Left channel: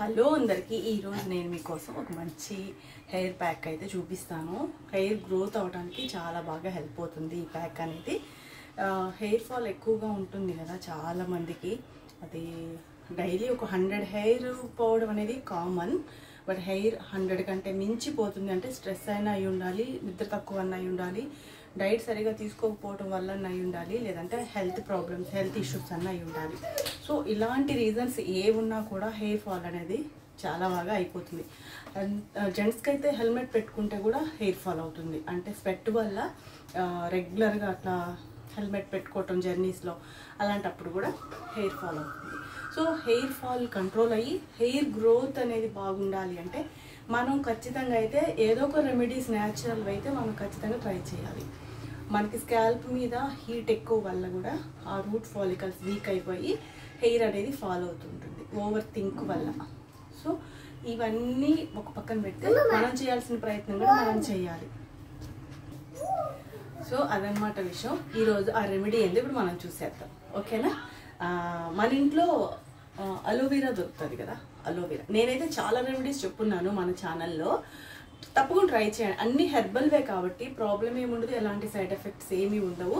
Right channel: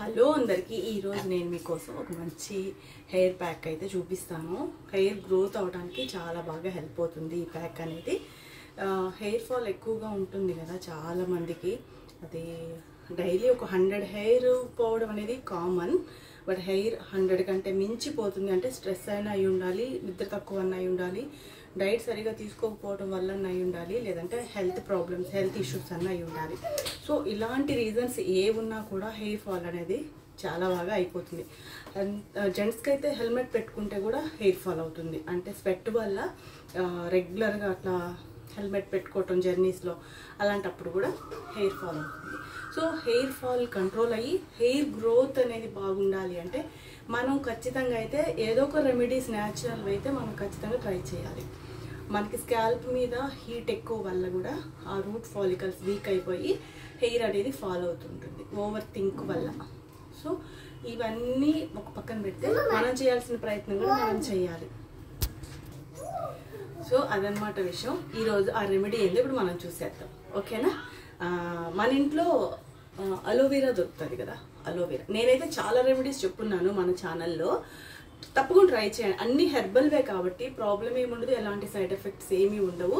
Hello అందరికీ ఈరోజు నేను మీకోసం ఒక మంచి హెయిర్ ప్యాక్ అయితే చూపిస్తాను. హెయిర్ గ్రోత్ అవడానికి చాలా బాగా హెల్ప్ అవుతుంది ఈ ప్యాక్ అనేది. హెయిర్ ఫాల్ ఎక్కువగా ఉంటుంది కదా చాలా మందికి. అది డైలీ ఒక 100 హెయిర్ పోవడం అనేది కామన్. బట్ హెయిర్ 100 కంటే మించిపోతుంది అంటే స్ట్రెస్ అయినా అయి ఉండాలి, నిద్ర తక్కువ అన్న అయి ఉండాలి, డైట్ సరిగా తీసుకోకపోవడం వల్ల అయి ఉండాలి, లేదంటే హెల్త్ ప్రాబ్లమ్స్, హెల్త్ ఇష్యూస్ అన్న అయి ఉండాలి. సో ఇలాంటి రీజన్స్ ఏ ఉన్నా కూడా హెయిర్ ఫాల్ అనేది చాలా బాగా అయిపోతుంది. జెంట్స్కి అయితే హెల్మెట్ పెట్టుకుంటే కూడా హెయిర్ ఫాల్ అవుతుంది. అంటే స్వెట్ వల్ల రెగ్యులర్గా అట్లా హెల్మెట్ పెట్టుకోవటం జర్నీస్లో, అలాంటప్పుడు కూడా హెయిర్ ఫాల్ అవుతుంది. సో హెయిర్ ఫాల్ కంట్రోల్ అయ్యి హెయిర్ గ్రోత్ అనేది బాగుండాలి అంటే మనం ఖచ్చితంగా అయితే ఏదో ఒక రెమెడీస్ న్యాచురల్ అయితే మనం ఖచ్చితంగా ట్రై చేయాలి. మనకి స్కాల్ప్ మీద హీట్ ఎక్కువ వల్ల కూడా ఆ రూట్ ఫాలికల్స్ వీక్ అయిపోయి హెయిర్ అనేది ఫాల్ అవుతుంటుంది ఓవర్ థింక్ వల్ల. సో ఇవన్నీ ఒక పక్కన పెడితే మనం చేయాల్సిన ప్రయత్నం కూడా మనం చేయాలి. సో అదనమాట విషయం. ఈరోజు ఆ రెమెడీ ఏంది ఇప్పుడు మనం చూసేద్దాం, ఓకేనా? మన ఇంట్లో అలోవెరా దొరుకుతుంది కదా, అలోవెరా. నేనైతే చాలా రెమెడీస్ చెప్పున్నాను మన ఛానల్లో, తప్పకుండా ట్రై చేయండి. అన్ని హెర్బల్వే కాబట్టి ప్రాబ్లం ఏముండదు, ఎలాంటి సైడ్ ఎఫెక్ట్స్ ఏమీ ఉండవు,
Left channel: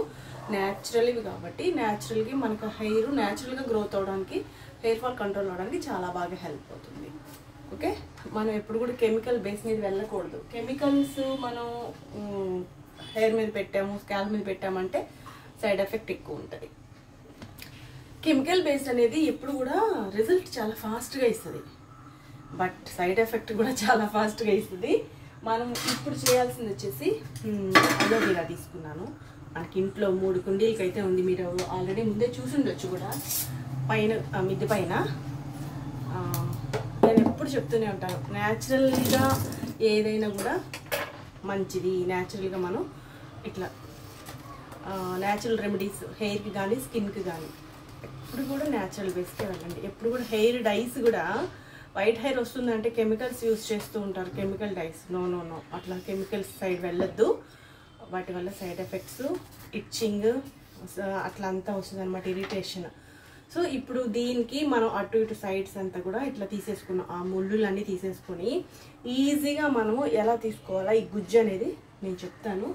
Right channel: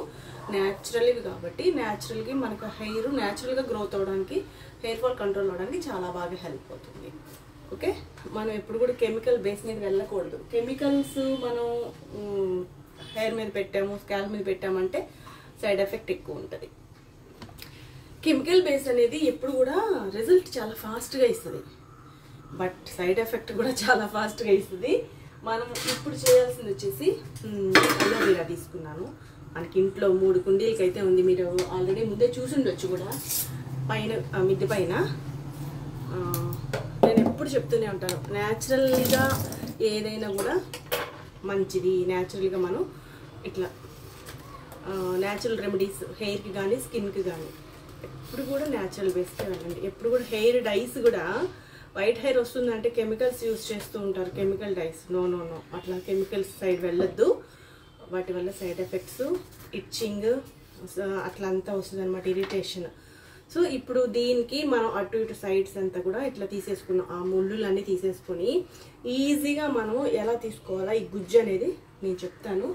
న్యాచురల్వి కాబట్టి న్యాచురల్గా మనకు హెయిర్ న్యాచురల్గా గ్రోత్ అవడానికి, హెయిర్ ఫాల్ కంట్రోల్ అవడానికి చాలా బాగా హెల్ప్ అవుతుంది. ఓకే, మనం ఎప్పుడు కూడా కెమికల్ బేస్ మీద వెళ్ళకూడదు. కెమికల్స్ మనం హెయిర్ మీద పెట్టాము, స్కాల్ప్ మీద పెట్టామంటే సైడ్ ఎఫెక్ట్ ఎక్కువ ఉంటుంది. కెమికల్ బేస్డ్ అనేది ఎప్పుడు కూడా రిజల్ట్ చాలా ఫాస్ట్గా ఇస్తుంది, బట్ సైడ్ ఎఫెక్ట్ కూడా చాలా ఫాస్ట్గా ఇస్తుంది. మనం ఇప్పుడు చేయాల్సింది వచ్చేసి అలోవెరా తీసుకున్నాను. మనకి ఇంట్లో 3 కుండీలకి అయితే ఉంది, మీరు ఆల్రెడీ ముందే చూసి ఉండొచ్చు కూడా. పైన మిద్దె పైన నేను ఎప్పుడు చెప్తూనే ఉంటాను, న్యాచురల్గా ఏదైనా కూడా మంచిది. న్యాచురల్గా మనం ఇట్లా న్యాచురల్ రెమెడీస్ హెయిర్కి కానీ స్కిన్కి కానీ ఎప్పుడు కూడా న్యాచురల్ బేస్కే వెళ్ళండి. ఎప్పుడు కూడా హెయిర్ డైస్ కూడా వైట్ హెయిర్ వస్తుందంటే కెమికల్స్ యూజ్ చేస్తూ ఉంటారు, chemical dyes. No no no, అట్లా కెమికల్స్ సైడ్ వెళ్ళొద్దు. వాటి వల్ల సైడ్ ఎఫెక్ట్స్, ఇచ్చింగ్ అట్లా అంతా వస్తుంది అనమాట, ఇరిటేషన్. సో ఇప్పుడు దీనికి మనం అటు ఇటు సైడ్స్ అంతా కూడా ఇట్లా తీసేసుకున్నాం, ఆ ముళ్ళులన్నీ తీసేసుకొని ఈజీగా మనం ఎలా తీసుకోవాలా ఈ గుజ్జు అనేది నేను చెప్తాను,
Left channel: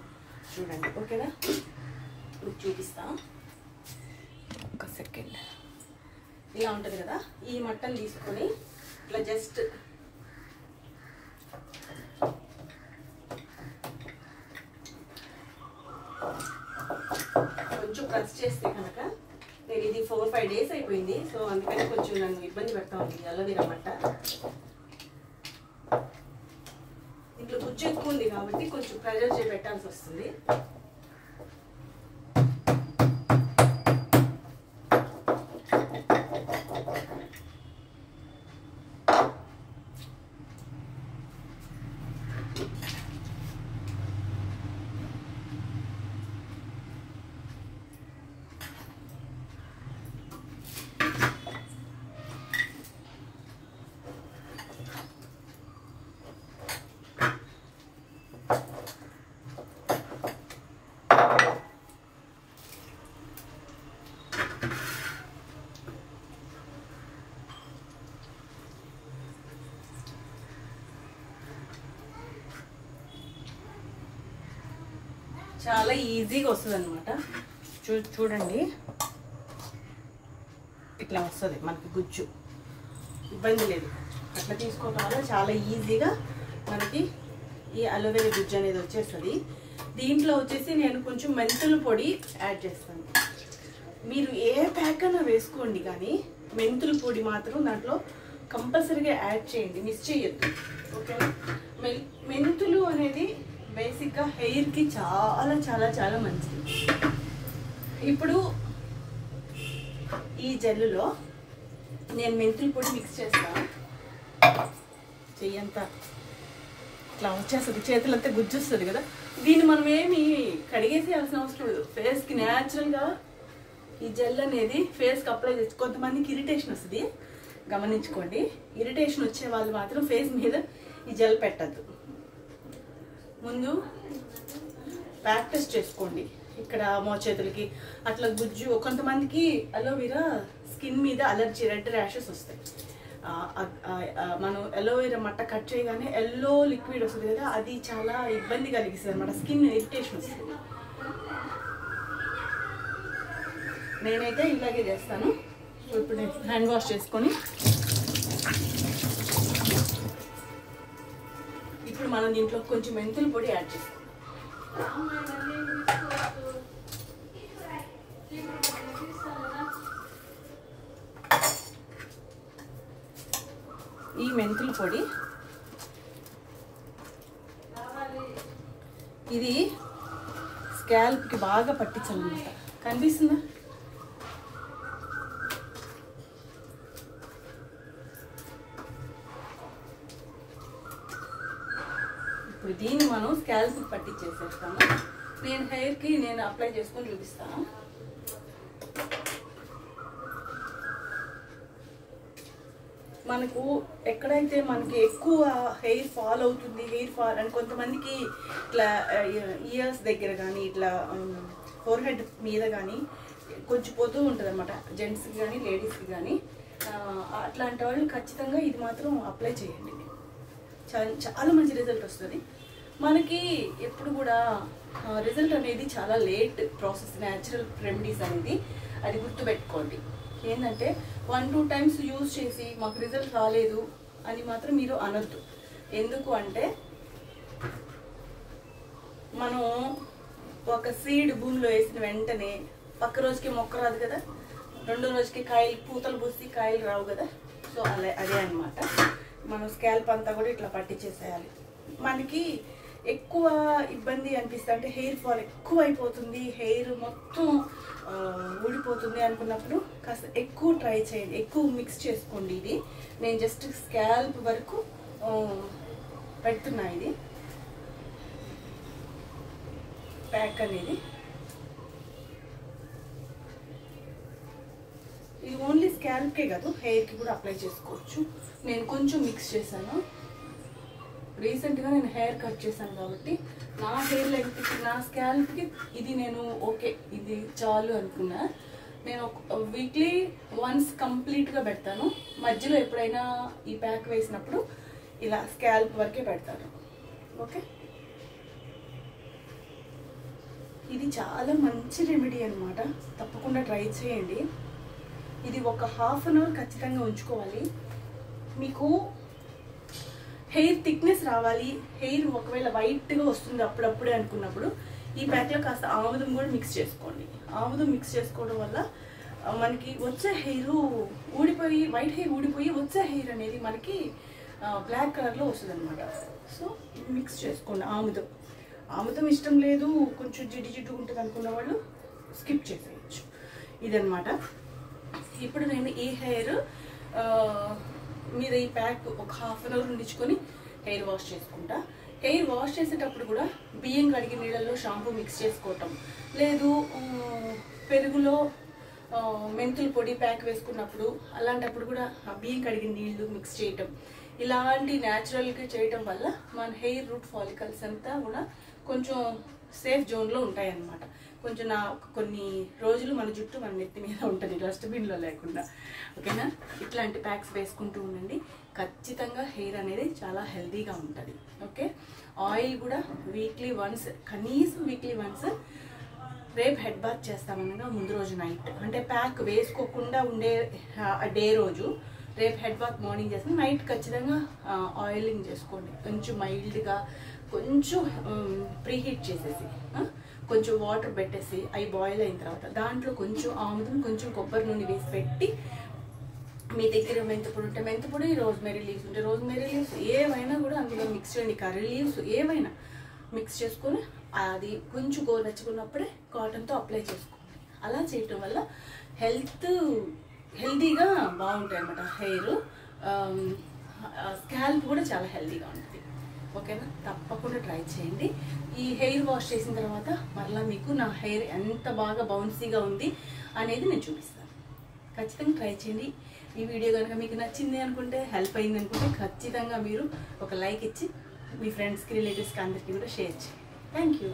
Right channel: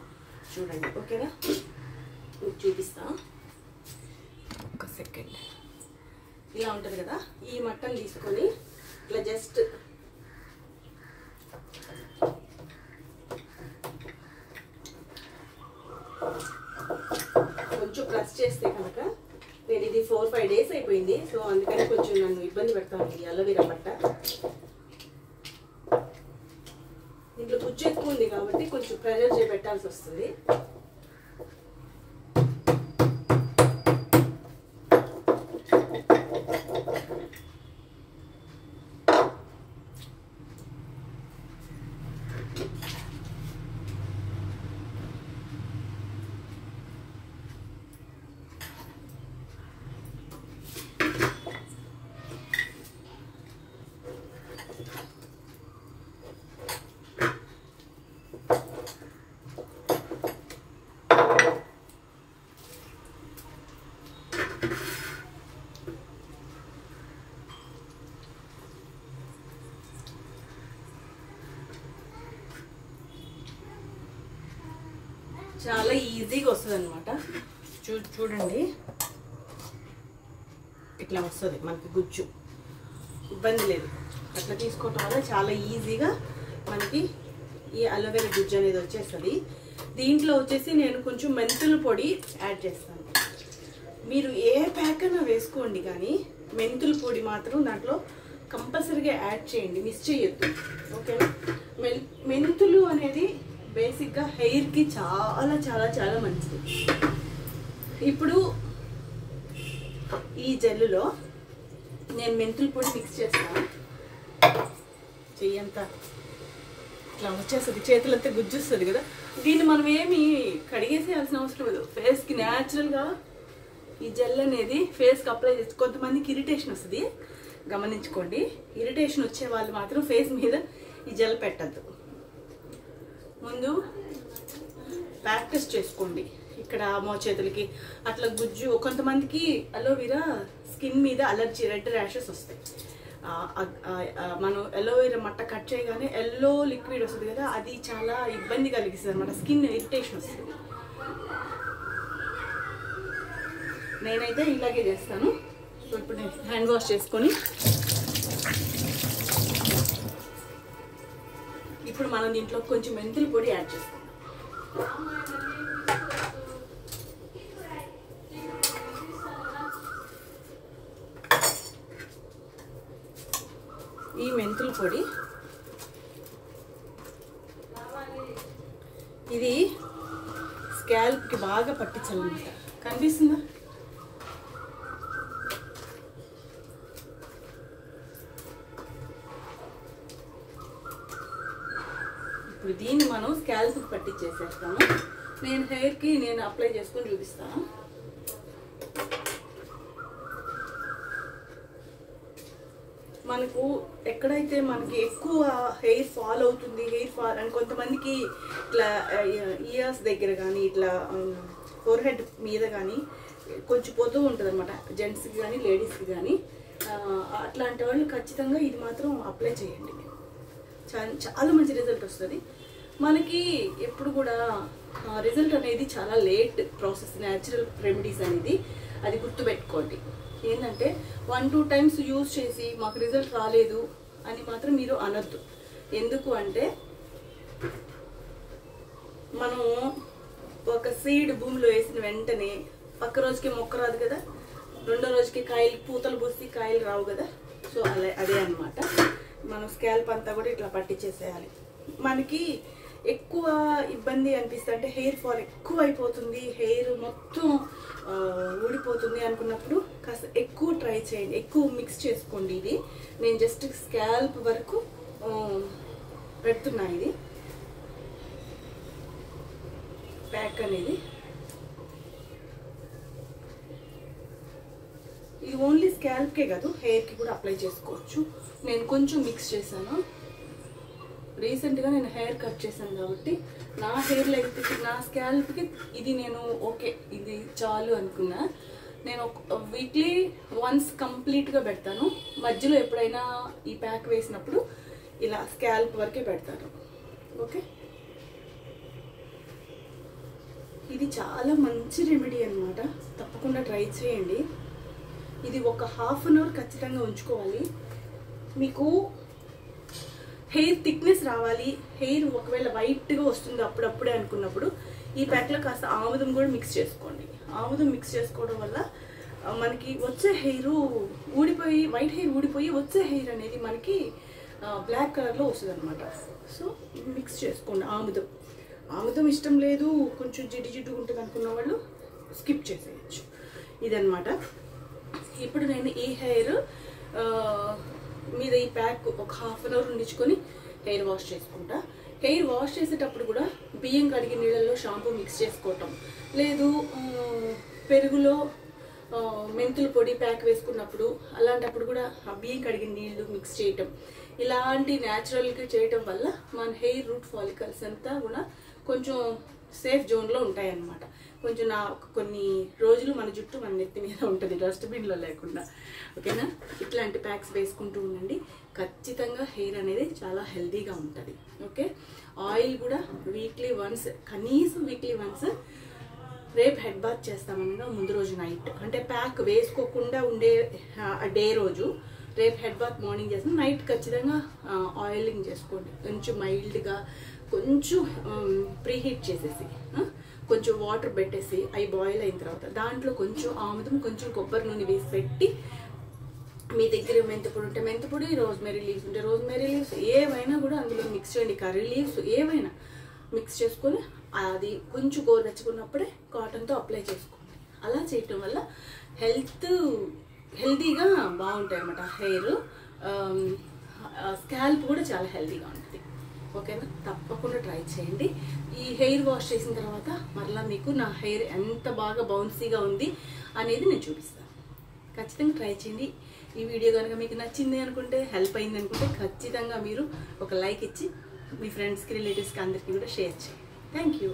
చూడండి, ఓకేనా? చూపిస్తా, ఒక సెకండ్. ఇలా ఉంటుంది కదా, ఈ మట్టను తీసుకొని ఇట్లా జస్ట్ కొంచెం ప్రెస్ చేస్తే కనుక, నేను ఇది 4-5 డేస్ అయిపోయింది, సో అందుకని కొంచెం నన్ను ఇబ్బంది పెడతా ఉంది అలోవెరా మట్ట. ఇంట్లో గుజ్జు ఎక్కువ ఉంది కాబట్టి కొంచెం ప్రెజర్ చేసి పెట్టాల్సి వస్తుంది. చాలా ఈజీగా వస్తుంది అనమాట. చూడండి, ఇట్లా వస్తుంది మనకి గుజ్జు, ఇబ్బంది లేదు. అట్లా తీసుకోవటం వల్ల చాలా ఈజీగా మనకి ఈ అలోవెరా గుజ్జు అనేది వచ్చేస్తుంది. దీంట్లో వచ్చేసి నేను కొంచెం మెంతుల పొడి యాడ్ చేస్తాను. మీరు ఏ ప్యాక్ అయినా వేసుకోండి, కానీ మెంతుల పొడి మాత్రం దాంట్లో కంపల్సరీగా యాడ్ చేయండి, మిస్ చేయొద్దు, ఓకేనా? మెంతులు అనేది బేసిక్గా హెయిర్కి చాలా చాలా చాలా మంచిది. ఇప్పుడు ఈ జెల్లులో నేను మెంతుల పొడి మిక్స్ చేస్తాను. చెయ్యంతా ఇట్లా వచ్చేస్తుంది, చేతులంతా గుజ్జు వస్తుంది కదా. దీన్ని మనం ఏమి కడిగేసేయాల్సిన అవసరం లేదు. ఫేస్కి న్యాచురల్గా ఈ జెల్ అనేది ఫేస్కి అప్లై చేసి, కొంతమందికి ఇరిటేషన్ వస్తుంది, గమనించుకోండి. ఇరిటేషన్ వచ్చే వాళ్ళు మాత్రం ఫేస్ మీద ఈ జెల్ పెట్టద్దు. ముందు ప్రాక్టీస్ చేసుకోండి. ఇక్కడ మోచేతులకి అట్లా గుజ్జు, కొంతమందికి అలోవెరా స్కిన్ మీద అలర్జీ, రెడ్ ర్యాషెస్ వస్తాయి. మనం ఎలోవేరా మట్ట కట్ చేయగానే ఎల్లో లిక్విడ్ వస్తుంది కదా, అది చాలా ఇబ్బంది కలిగిస్తుంది అనమాట, స్కిన్ ఇరిటేషన్ వస్తుంది. నేనైతే ఇలాగే చేస్తాను. సో ఇప్పుడు నేను హ్యాండ్ వాష్ చేసుకొని ఇప్పుడు మనం దీంట్లో కొంచెం మెంతుల పొడి యాడ్ చేస్తాం. ఈ మెంతుల పొడి ఇది స్కాల్ప్కి బాగా పట్టించాలన్నమాట. కనిపిస్తుందా? ఇప్పుడు దీన్ని మనం స్కాల్ప్కి పట్టించేసేస్తాము. నేను హెయిర్కి అప్లై చేసుకొని చూపిస్తాను. మనకు ఎక్కడైతే మనకి ఎక్కువ హెయిర్ ఫాల్ అవుతుంది, హెయిర్ ఫాల్ అని కొంతమందికి ఇట్లా ఇయర్స్ దగ్గర కానీ ఇట్లా ఫోర్ హెడ్ మీద కానీ కొంచెం పోతూ ఉంటుంది అనమాట, జెంట్స్కి కానీ లేడీస్కి కానీ. అట్లాంటి వాళ్ళు ఖచ్చితంగా ఇది మాత్రం అప్లై చేయండి. చాలా మంచి రిజల్ట్ వస్తుంది మనకి. ఎప్పుడు కూడా రిజల్ట్ అనేది చాలా లేట్ ప్రాసెస్, న్యాచురల్ రెమెడీస్ అనేది, అది గుర్తుపెట్టుకోండి. ఏంటంటే 1-2 టైమ్స్ యూజ్ చేసి మాకు రిజల్ట్ రాలేదు అని మాత్రం మీరు అనొద్దు. ఎందుకు అంటే మనం ఒక సీడ్ భూమిలో వేసిన వెంటనే పక్క రోజుకి మొక్క రాదు కదా, రెండో రోజుకి కాయలు పూతలు పూసి కాయలు రావు కదా. సో అదే అనమాట. మనం స్కాల్ప్ అంతా కూడా ఇట్లా పట్టించేసేయాలి. మనకి ఎక్కువ ఇబ్బంది అనిపిస్తే అంటే హెయిర్ ఫాల్ ఎక్కువ అయిపోతుంది, హెయిర్ మొత్తం ఊడిపోతుంది అనుకున్నప్పుడు కాస్త ఎక్కువ ట్రై చేయండి, ఎక్కువ మిక్స్ చేసుకోండి. ఇది నేను జస్ట్ స్కాల్ప్ వరకు పెడుతున్నా. ఇది ప్యాక్ అనేది ఇది ఓన్లీ స్కాల్ప్కే కాదు, హెయిర్కి కూడా అప్లై చేసుకోవచ్చు. నేను కొంచెం మిక్స్ చేశాను. రీసెంట్గా నేను హెయిర్ కట్ చేశాను కాబట్టి నా హెయిర్ లెంగ్త్కి, నా స్కాల్ప్కి ఇది నేను ఓకే, ఇది చాలు అనుకున్నా. నేను వీక్లీ వన్స్ కంప్లీట్గా పెడతాను. మధ్యలో ఎప్పుడైనా ఈ ప్యాక్ వేసినప్పుడు ఇలా స్కాల్ప్ వరకే పెడతాను. ఓకే, ఇది చాలా మంచి రెమెడీ అనమాట. తప్పకుండా ట్రై చేయండి. ఇది ఒక ½ అన్ అవర్ ఖచ్చితంగా ఉంచుకోవాలి. మీకు హెయిర్ థిక్నెస్ రావాలి, హెయిర్ ఒకవేళ వైట్గా వస్తుంది అప్పుడప్పుడే అనుకున్నప్పుడు ఈ ప్యాక్లో కాస్త ఆముదం కూడా మిక్స్ చేసుకోండి. ఆముదం మిక్స్ చేసుకోవడం వల్ల మనకి వచ్చే హెయిర్ ఊడిపోయి, వైట్ హెయిర్ ఊడిపోయి వచ్చే హెయిర్ అనేది మనకి బ్లాక్ కలర్లో వస్తుంది అనమాట. సో మిక్స్ చేసుకోండి. ఆముదం ఇష్టం లేదు, కొంచెం జిడ్డు ఉంటుంది అనుకున్న వాళ్ళు స్కిప్ చేసేయచ్చు. ఇదనమాట. ఇప్పుడు నేను ఈ హెయిర్ మీద ఈ ప్యాక్ ఒక ½ అన్ అవర్ ఉండించుకొని హెయిర్ వాష్ చేసుకుంటా. హెయిర్ వాష్ చేసేటప్పుడు కూడా బియ్యం కడిగిన నీళ్ళల్లో షాంపూ మిక్స్ చేసుకోవటం, లేదు పెరుగులో మెంతుల పొడి ప్యాక్ వేసుకున్నప్పుడు అలాంటప్పుడు కూడా బియ్యం కడిగిన నీళ్లు మిక్స్ చేయటం, ఇలాంటి న్యాచురల్గా చేయటం వల్ల మన హెయిర్ రూట్ ఫాలికల్స్ అంతా కూడా కొంచెం సేఫ్ జోన్లో ఉంటాయన్నమాట. కొంచెం కొన్ని రోజులు మన జుట్టు మన నెత్తి మీద ఉంటుంది, డస్ట్బిన్లో లేకుండా. ఓకేనా? ఇట్లాంటి ప్యాక్స్ వేసుకుంటూ ఉండండి. ఖచ్చితంగా హెయిర్ అనేది చాలా హెల్తీగా ఉంటుంది. ఓకే, ఆయిల్ కూడా వీక్లీ వన్స్, కనీసం వీక్లీ వన్స్. రేపు హెడ్ బాత్ చేస్తామనగా ముందు రోజు నైట్, అంటే ప్యాక్ వేసుకోకుండా ఉండే డే రోజు రేపు హెడ్ బాత్ మార్నింగ్ చేస్తాం, నైట్ ఖచ్చితంగా ఆయిలింగ్ చేసుకోండి. కొంచెం మైల్డ్గా, కొంచెం ప్రీహీట్ చేసేసి, కొంచెం వాటర్ పెట్టేసి అవి బాయిల్ అయిన తర్వాత దాంట్లో కొంచెం ఆముదం, కొంచెం కొబ్బరి నూనె వేసి పెట్టి, మీ దగ్గర మెంతిపొడి ఉంటే మెంతిపొడి, రోజ్మెరీ లీవ్స్ ఉంటే రోజ్మెరీ లీవ్స్, ఏవైనా కూడా అందులో మిక్స్ చేయండి. కర్రీ లీవ్స్ ఏవైనా మిక్స్ చేసుకొని అది కొంచెం గోరువెచ్చుకున్నప్పుడే కాటన్తో అప్లై చేసుకోండి. అలా చేయటం వల్ల హెల్తీగా బాగుంటాయి అన్నమాట. హెయిర్, స్కాల్ప్ కూడా చాలా హెల్తీగా ఉంటుంది. ఓకేనా? తప్పకుండా ట్రై చేయండి. ఈ హెయిర్ వాష్ చేసిన తర్వాత మరలా మీకు నా హెయిర్ ఎంత బాగా బౌన్సీగా ఉంది అనేది నేను చూపిస్తాను. ఖచ్చితంగా ట్రై చేయండి. ఈ వీడియో కనుక మీకు నచ్చింది అనుకుంటే, హెల్ప్ అయింది అనుకుంటే ఖచ్చితంగా మీరు ఒక లైక్ ఇచ్చి మీ ఫ్రెండ్స్కి, రిలేటివ్స్కి అందరికీ కూడా షేర్ చేయండి. Thank you.